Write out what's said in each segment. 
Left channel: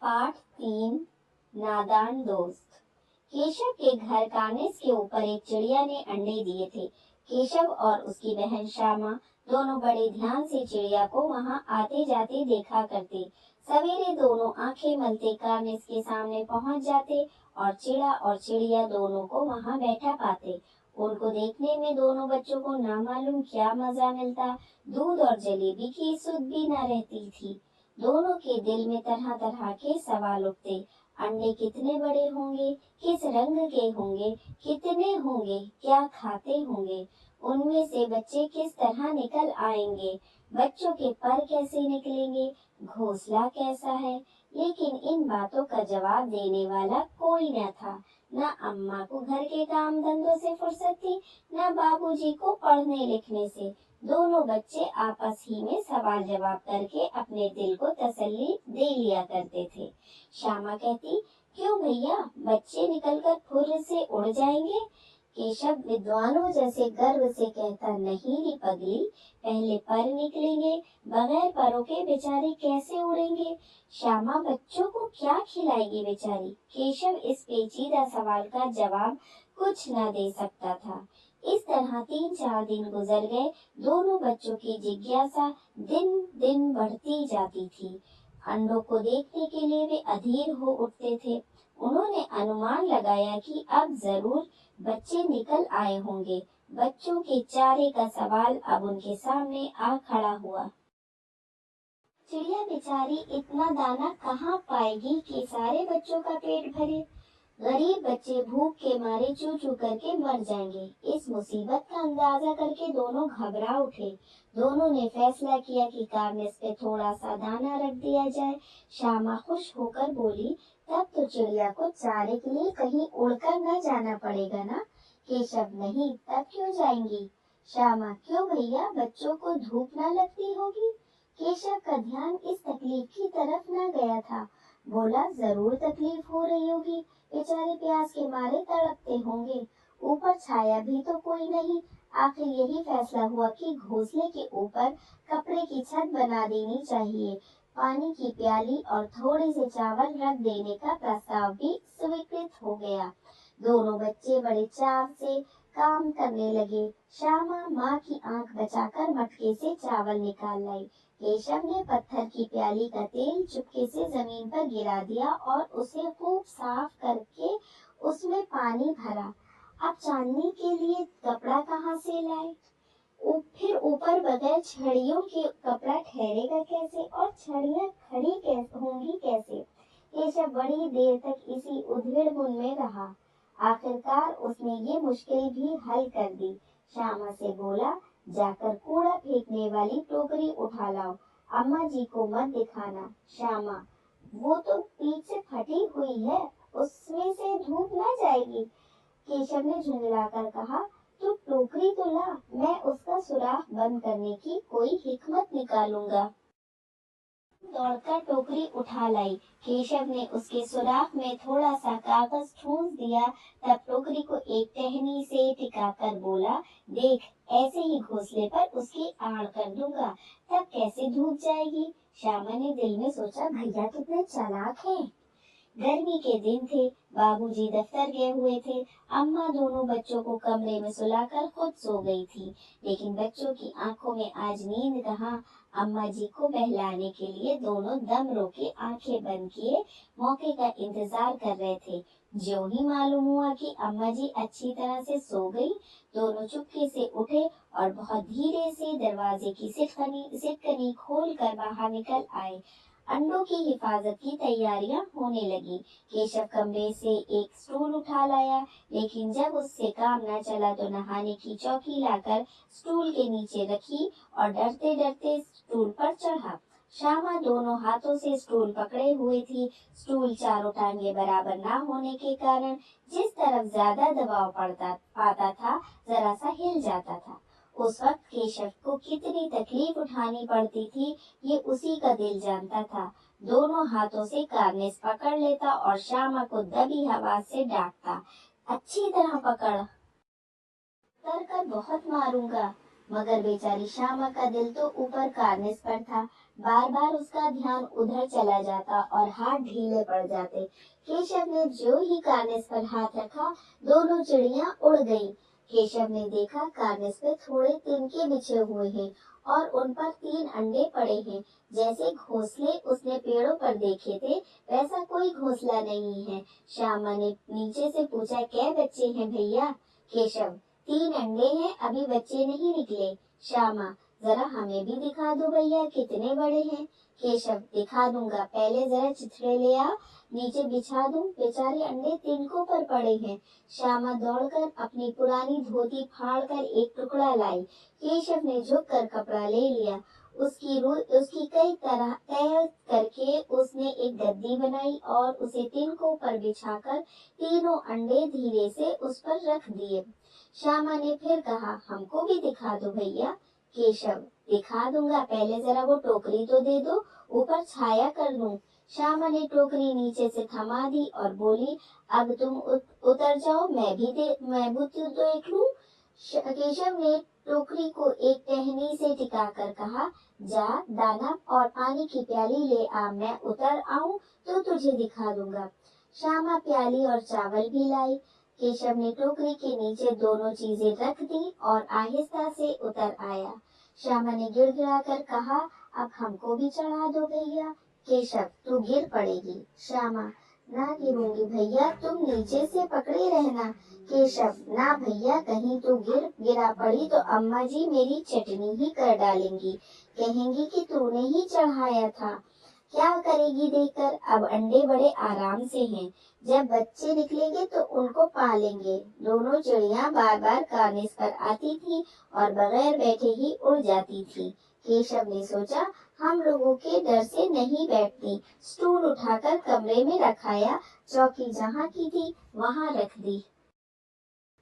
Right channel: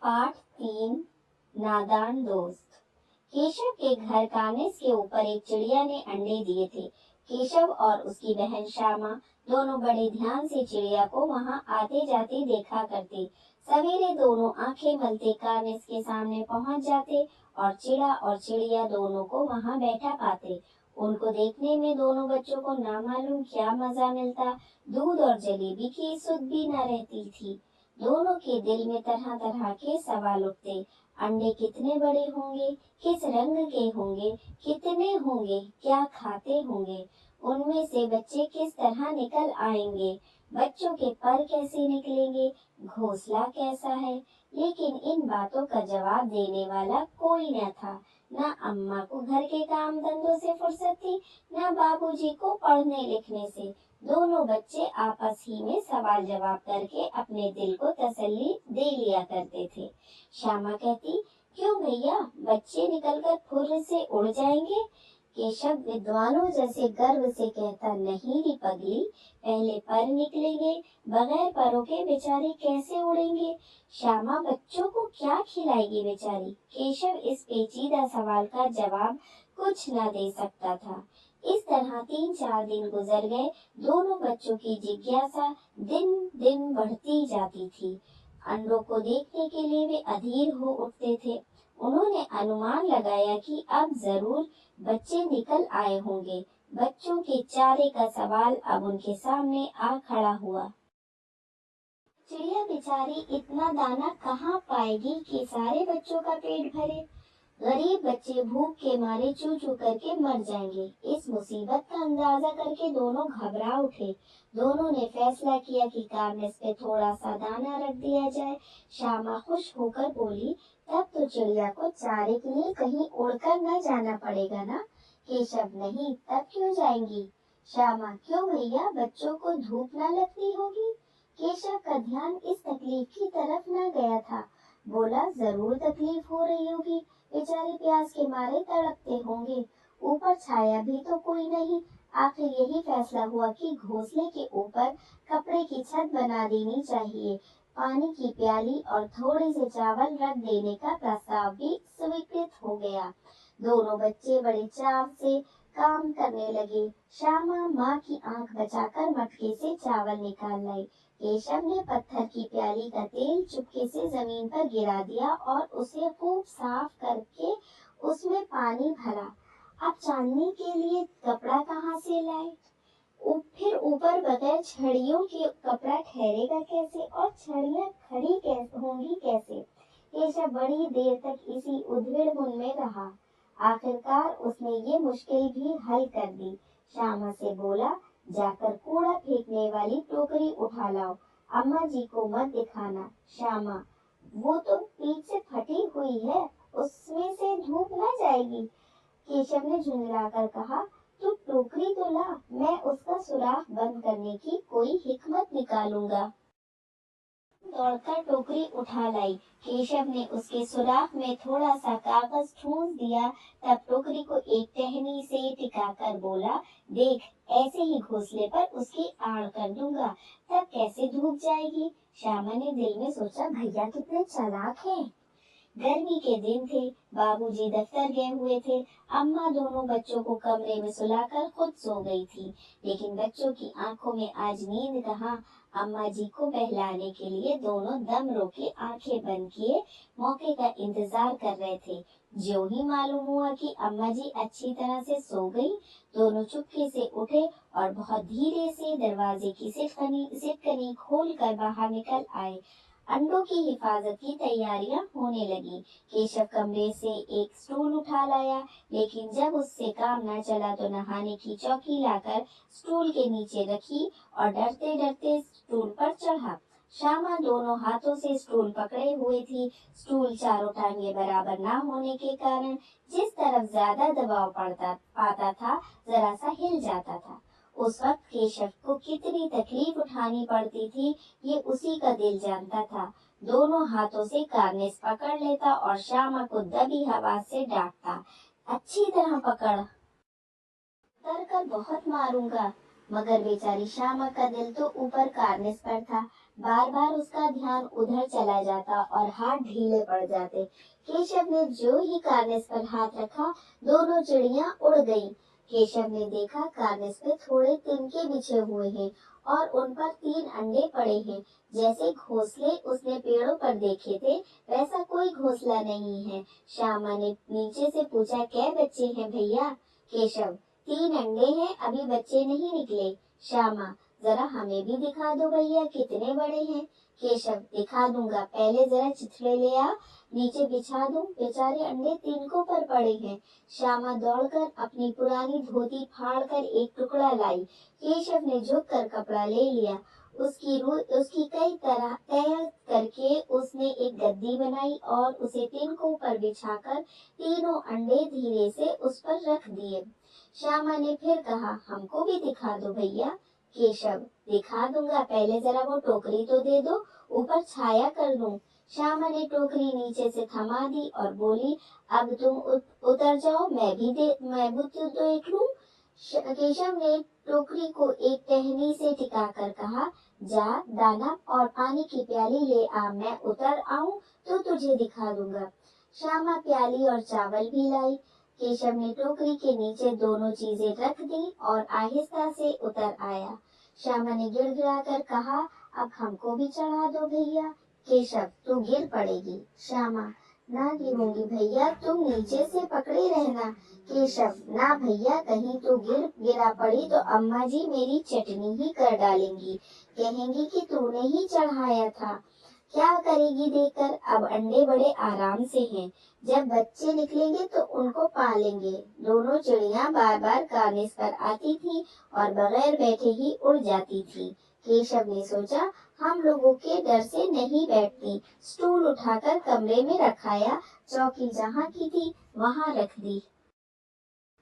पाठ 3 नादान दोस्त। केशव के घर कानिस के ऊपर एक चिड़िया ने अंडे दिए थे। केशव और उसकी बहन श्यामा दोनों बड़े ध्यान से चिड़िया को वहां आते जाते देखा करते। सवेरे दोनों आंखें मलते कानिस के सामने पहुंच जाते और चिड़ा और चिड़िया दोनों को वहां बैठा पाते। उनको देखने में दोनों बच्चों को ना मालूम क्या मजा मिलता। दूध और जलेबी की सुध भी न रहती थी। दोनों के दिल में तरह तरह के सवाल उठते। अंडे कितने बड़े होंगे, किस रंग के होंगे, कितने होंगे, क्या खाते होंगे, उनमें से बच्चे किस तरह निकल आएंगे, बच्चों के पर कैसे निकलेंगे, घोंसला कैसा है। लेकिन इन बातों का जवाब देने वाला कोई न था। न अम्मा को घर के काम धंधों से फुर्सत थी, न बाबूजी को पढ़ने लिखने से। दोनों बच्चे आपस ही में सवाल जवाब करके अपने दिल को तसल्ली दे लिया करते थे। श्यामा कहती, क्यों भैया, बच्चे निकलकर फुर्र से उड़ जाएंगे। केशव विद्वानों जैसे गर्व से कहता, नहीं री पगली, पहले पर निकलेंगे, बगैर परों के बेचारे कैसे उड़ेंगे। श्यामा बच्चों को क्या खिलाएगी बेचारी। केशव इस पेचीदा सवाल का जवाब कुछ न दे सकता था। इस तरह 3-4 दिन गुजर गए। दोनों बच्चों की जिज्ञासा दिन दिन बढ़ती जाती थी। अंडों को देखने के लिए वे अधीर हो उठते थे। उन्होंने अनुमान लगाया कि अब जरूर बच्चे निकल आए होंगे। बच्चों के चारे का सवाल अब उनके सामने आ खड़ा हुआ। चिड़िया बेचारी इतना दाना कहाँ पाएगी कि सारे बच्चों का पेट भरे। गरीब बच्चे भूख के मारे चू चू करके मर जाएंगे। इस मुसीबत का अंदाजा करके दोनों घबरा उठे। दोनों ने फैसला किया कि कार्निस पे थोड़ा सा दाना रख दिया जाए। श्यामा खुश होकर बोली, तब तो चिड़िया को चारे के लिए कहीं उड़कर न जाना पड़ेगा ना। केशव, नहीं, तब क्यों जाएंगी। श्यामा, क्यों भैया, बच्चों को धूप न लगती होगी। केशव का ध्यान इस तकलीफ की तरफ न गया था। बोला, जरूर तकलीफ हो रही होगी, बेचारे प्यास के मारे तड़पते होंगे। ऊपर छाया भी तो कोई नहीं। आखिर यही फैसला हुआ कि घोंसले के ऊपर कपड़े की छत बना देनी चाहिए। पानी की प्याली और थोड़े से चावल रख देने का प्रस्ताव भी स्वीकृत हो गया। दोनों बच्चे बड़े चाव से काम करने लगे। श्यामा माँ की आंख बचाकर मटके से चावल निकाल लाई। केशव ने पत्थर की प्याली का तेल चुपके से जमीन पर गिरा दिया और उसे खूब साफ करके उसमें पानी भरा। अब चांदनी के लिए कपड़ा कहाँ से लाए। फिर ऊपर बगैर छड़ियों के कपड़ा ठहरेगा कैसे और छड़ियाँ खड़ी कैसे होंगी कैसे। केशव बड़ी देर तक इसी उधेड़-बुन में रहा। आखिरकार उसने ये मुश्किल भी हल कर दी। श्यामा से बोला, जाकर कूड़ा फेंकने वाली टोकरी उठा लाओ। अम्मा जी को मत दिखाना। श्यामा, वो तो पीठ से फटी हुई है, उसमें से धूप न जाएगी। केशव ने झुंझलाकर कहा, तू टोकरी तो ला, मैं उसका सुराख बंद करने की कोई हिकमत निकालूंगा। दौड़कर टोकरी उठा लाई। केशव ने उसके सुराख में थोड़ा सा कागज ठूंस दिया। तब टोकरी को एक टहनी से टिकाकर बोला, देख, ऐसे ही घोंसले पर उसकी आड़ कर दूंगा, तब कैसे धूप जाएगी। श्यामा ने दिल में सोचा, भैया कितने चालाक हैं। गर्मी के दिन थे। बाबूजी दफ्तर गए हुए थे। अम्मा दोनों बच्चों को कमरे में सुलाकर खुद सो गई थी। लेकिन बच्चों की आंखों में आज नींद कहाँ। अम्मा जी को बहलाने के लिए दोनों दम रोके आंखें बंद किए मौके का इंतजार कर रहे थे। ज्यों ही मालूम हुआ कि अम्मा जी अच्छी तरह से सो गई, दोनों चुपके से उठे और बहुत धीरे से दरवाजे की सिटकनी खोलकर बाहर निकल आए। अंडों की हिफाजत की तैयारियां होने लगी। केशव कमरे से एक स्टूल उठा लाया, लेकिन जब उससे काम न चला तो नहाने की चौकी लाकर स्टूल के नीचे रखी और डरते डरते स्टूल पर चढ़ा। श्यामा दोनों हाथों से स्टूल पकड़े हुए थी। स्टूल चारों टांगे बराबर न होने के कारण जिस तरफ ज्यादा दबाव पाता था, जरा सा हिल जाता था। उस वक्त केशव को कितनी तकलीफ उठानी पड़ती थी, ये उसी का दिल जानता था। दोनों हाथों से कार्निस पकड़ लेता और श्यामा को दबी आवाज से डांटता, अच्छी तरह पकड़, कर बहुत मारूंगा। मगर बेचारी श्यामा का दिल तो ऊपर कार्निस पर था। बार बार उसका ध्यान उधर चला जाता और हाथ ढीले पड़ जाते। केशव ने जो ही कार्निस पर हाथ रखा, दोनों चिड़ियां उड़ गईं। केशव ने देखा कार्निस पे थोड़े तिनके बिछे हुए हैं और उन पर 3 अंडे पड़े हैं। जैसे घोंसले उसने पेड़ों पर देखे थे, वैसा कोई घोंसला नहीं है। श्यामा ने नीचे से पूछा, कै बच्चे हैं भैया? केशव, 3 अंडे हैं, अभी बच्चे नहीं निकले। श्यामा, जरा हमें भी दिखा दो भैया, कितने बड़े हैं? केशव, दिखा दूंगा, पहले जरा चिथड़े ले आ, नीचे बिछा दूं, बेचारे अंडे तिनकों पर पड़े हैं। श्यामा दौड़कर अपनी पुरानी धोती फाड़कर एक टुकड़ा लाई। केशव ने झुककर कपड़ा ले लिया। उसकी कई तरह तय करके उसने एक गद्दी बनाई और उसे तिनकों पर बिछाकर तीनों अंडे धीरे से उस पर रख दिए। श्यामा ने फिर कहा, हमको भी दिखा दो भैया। केशव, दिखा दूंगा, पहले जरा वो टोकरी तो दे दो, ऊपर छाया कर दूं। श्यामा ने टोकरी नीचे से थमा दी और बोली, अब तुम उतर जाओ, मैं भी तो देख लूं। केशव ने टोकरी को एक टहनी से टिकाकर कहा, जा दाना और पानी की प्याली ले आ, मैं उतर आऊं तो तुझे दिखा दूंगा। श्यामा प्याली और चावल भी लाई। केशव ने टोकरी के नीचे दोनों चीजें रख दी और आहिस्ता से उतर आया। श्यामा ने गिड़गिड़ाकर कहा, अब हमको भी चढ़ा दो भैया। केशव, तू गिर पड़ेगी। श्यामा, ना गिरूंगी भैया, तुम नीचे से पकड़े रहना। केशव, ना भैया, कहीं तू गिरा पड़ी तो अम्मा जी मेरी चटनी ही कर डालेंगी, कहेंगी कि तूने ही चढ़ाया था। क्या करेगी देकर? अब अंडे बड़े आराम से हैं, जब बच्चे निकलेंगे तो उनको पालेंगे। दोनों चिड़ियां बार बार कार्निस पर आती थी और बगैर बैठे ही उड़ जाती थी। केशव ने सोचा, हम लोगों के डर से नहीं बैठती। स्टूल उठाकर कमरे में रखाया, चौकी जहाँ की थी वहाँ रख दी।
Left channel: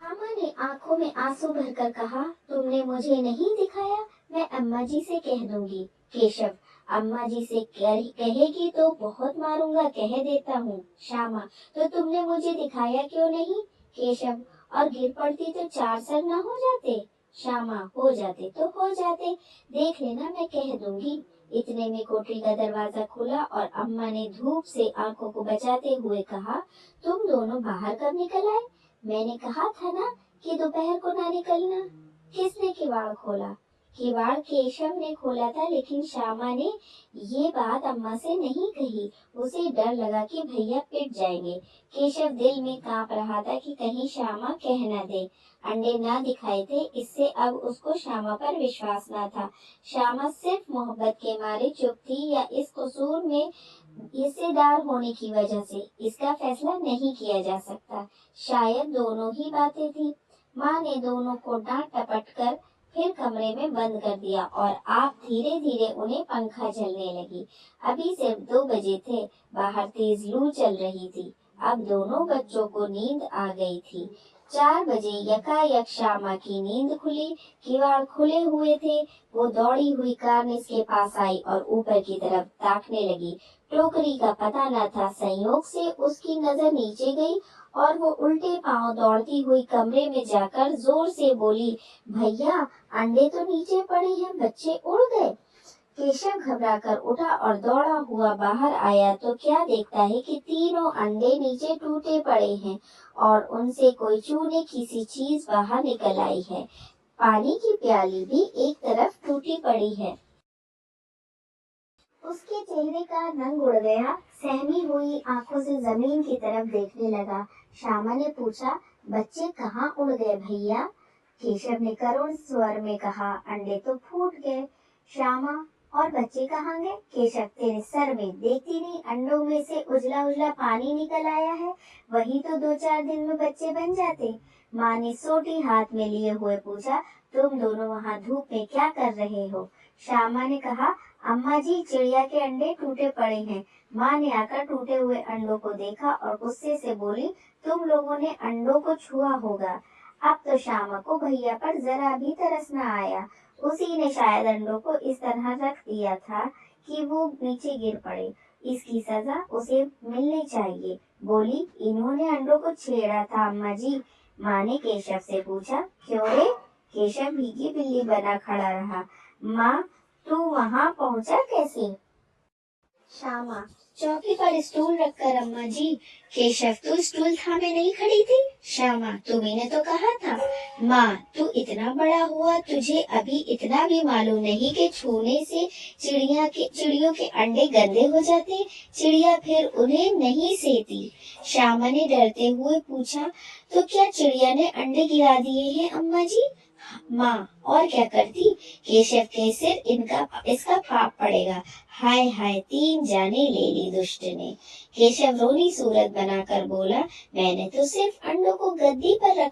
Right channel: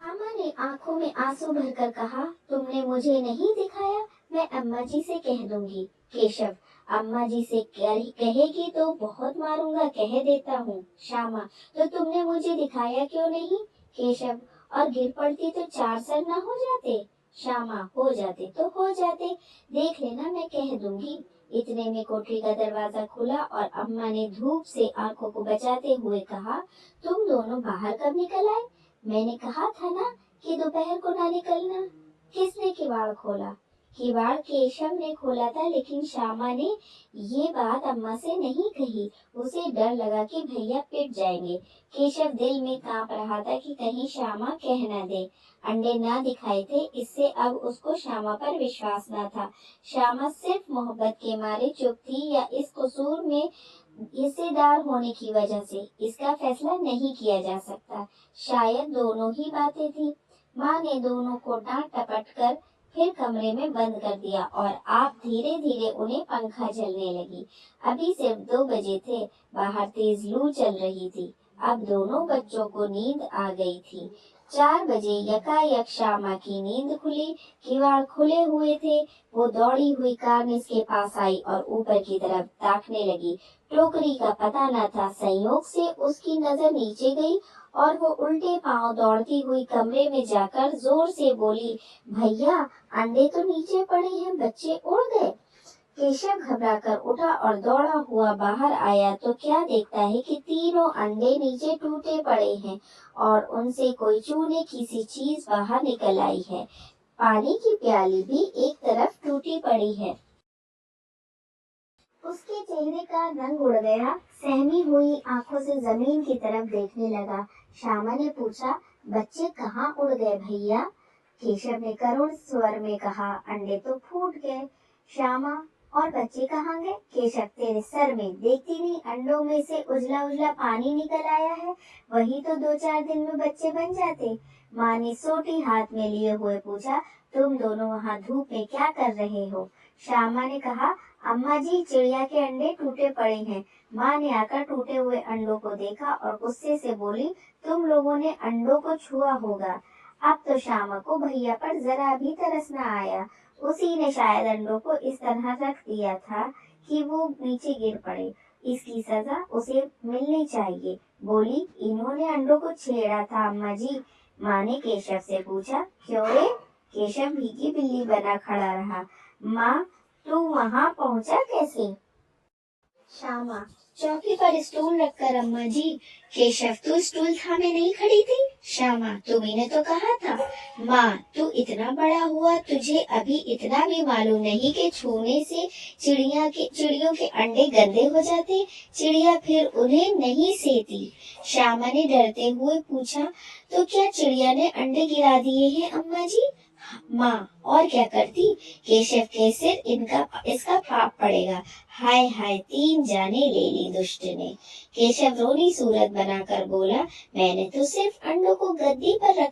मामा ने आंखों में आंसू भरकर कहा, तुमने मुझे नहीं दिखाया, मैं अम्मा जी से कह दूंगी। केशव, अम्मा जी से कहेगी तो बहुत मारूंगा, कह देता हूँ। श्यामा, तो तुमने मुझे दिखाया क्यों नहीं? केशव, और गिर पड़ती तो 4 सर न हो जाते? श्यामा, हो जाते तो हो जाते, देख लेना, मैं कह दूंगी। इतने में कोठरी का दरवाजा खुला और अम्मा ने धूप से आंखों को बचाते हुए कहा, तुम दोनों बाहर कब निकल आए? मैंने कहा था ना कि दोपहर को ना निकलना। किसने किवाड़ खोला? किवाड़ केशव ने खोला था, लेकिन श्यामा ने ये बात अम्मा से नहीं कही। उसे डर लगा कि भैया पिट जाएंगे। केशव दिल में कांप रहा था कि कहीं श्यामा कह न दे। अंडे ना दिखाए थे, इससे अब उसको श्यामा पर विश्वास न था। श्यामा सिर्फ मोहब्बत के मारे चुप थी या इस कसूर में हिस्सेदार होने की वजह से, इसका फैसला नहीं किया जा सकता। शायद दोनों ही बातें थी। माँ ने दोनों को डांट टपट कर फिर कमरे में बंद कर दिया और आप धीरे धीरे उन्हें पंखा झलने लगी। अभी सिर्फ 2 बजे थे, बाहर तेज लू चल रही थी। अब दोनों बच्चों को नींद आ गई थी। 4 बजे यकायक श्यामा की नींद खुली। किवाड़ खुले हुए थे। वो दौड़ी हुई कार्निस के पास आई और ऊपर की तरफ ताकने लगी। टोकरी का पता न था, संयोग से उसकी नजर नीचे गई और वो उल्टे पांव दौड़ती हुई कमरे में जाकर जोर से बोली, भैया, अंडे तो नीचे पड़े हैं, बच्चे उड़ गए। केशव घबराकर उठा और दौड़ा हुआ बाहर आया तो क्या देखता है कि तीनों अंडे नीचे टूटे पड़े हैं और उनसे कोई चूने की सी चीज बाहर निकल आई है। पानी की प्याली भी एक तरफ टूटी पड़ी है। उसके चेहरे का रंग उड़ गया। सहमी हुई आंखों से जमीन की तरफ देखने लगा। श्यामा ने पूछा, बच्चे कहाँ उड़ गए भैया? केशव ने करुण स्वर में कहा, अंडे तो फूट गए। श्यामा, और बच्चे कहाँ गए? केशव, तेरे सर में देखती नहीं, अंडों में से उजला उजला पानी निकल आया है, वही तो 2-4 दिन में बच्चे बन जाते। माँ ने सोटी हाथ में लिए हुए पूछा, तुम दोनों वहाँ धूप में क्या कर रहे हो? श्यामा ने कहा, अम्मा जी, चिड़िया के अंडे टूटे पड़े हैं। माँ ने आकर टूटे हुए अंडों को देखा और गुस्से से बोली, तुम लोगों ने अंडों को छुआ होगा। अब तो श्यामा को भैया पर जरा भी तरस न आया। उसी ने शायद अंडों को इस तरह रख दिया था कि वो नीचे गिर पड़े। इसकी सजा उसे मिलनी चाहिए। बोली, इन्होंने अंडों को छेड़ा था अम्मा जी। माँ ने केशव से पूछा, क्यों रे? केशव भीगी बिल्ली बना खड़ा रहा। माँ, तू वहाँ पहुँचा कैसे? श्यामा, चौकी पर स्टूल रखकर अम्मा जी। केशव, तू स्टूल थामे नहीं खड़ी थी? श्यामा, तुम्ही ने तो कहा था। माँ, तू इतना बड़ा हुआ, तुझे अभी इतना भी मालूम नहीं कि छूने से चिड़ियों के अंडे गंदे हो जाते, चिड़िया फिर उन्हें नहीं सेती। श्यामा ने डरते हुए पूछा, तो क्या चिड़िया ने अंडे गिरा दिए हैं अम्मा जी? माँ, और क्या करती? केशव के सिर इसका पाप पड़ेगा। हाय हाय, 3 जाने ले ली दुष्ट ने। केशव रोनी सूरत बनाकर बोला, मैंने तो सिर्फ अंडों को गद्दी पर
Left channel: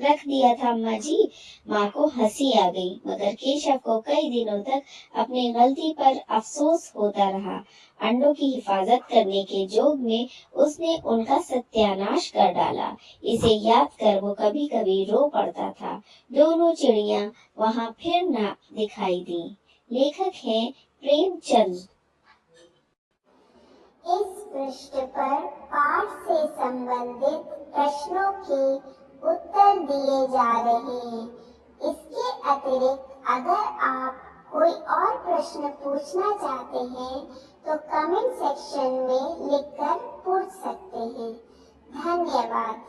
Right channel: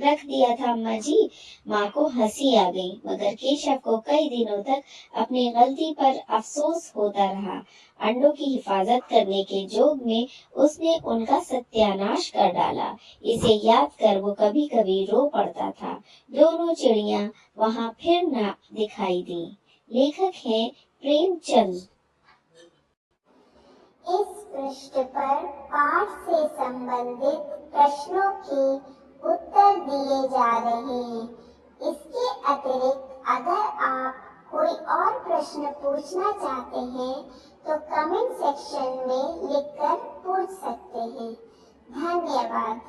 रख दिया था अम्मा जी। माँ को हंसी आ गई, मगर केशव को कई दिनों तक अपनी गलती पर अफसोस होता रहा। अंडों की हिफाजत करने के जोग में उसने उनका सत्यानाश कर डाला। इसे याद कर वो कभी कभी रो पड़ता था। दोनों चिड़िया वहाँ फिर न दिखाई दी। लेखक हैं प्रेमचंद। इस पृष्ठ पर पाठ से संबंधित प्रश्नों के उत्तर दिए जा रहे हैं। इसके अतिरिक्त अगर आप कोई और प्रश्न पूछना चाहते हैं तो कमेंट सेक्शन में लिखकर पूछ सकते हैं। धन्यवाद।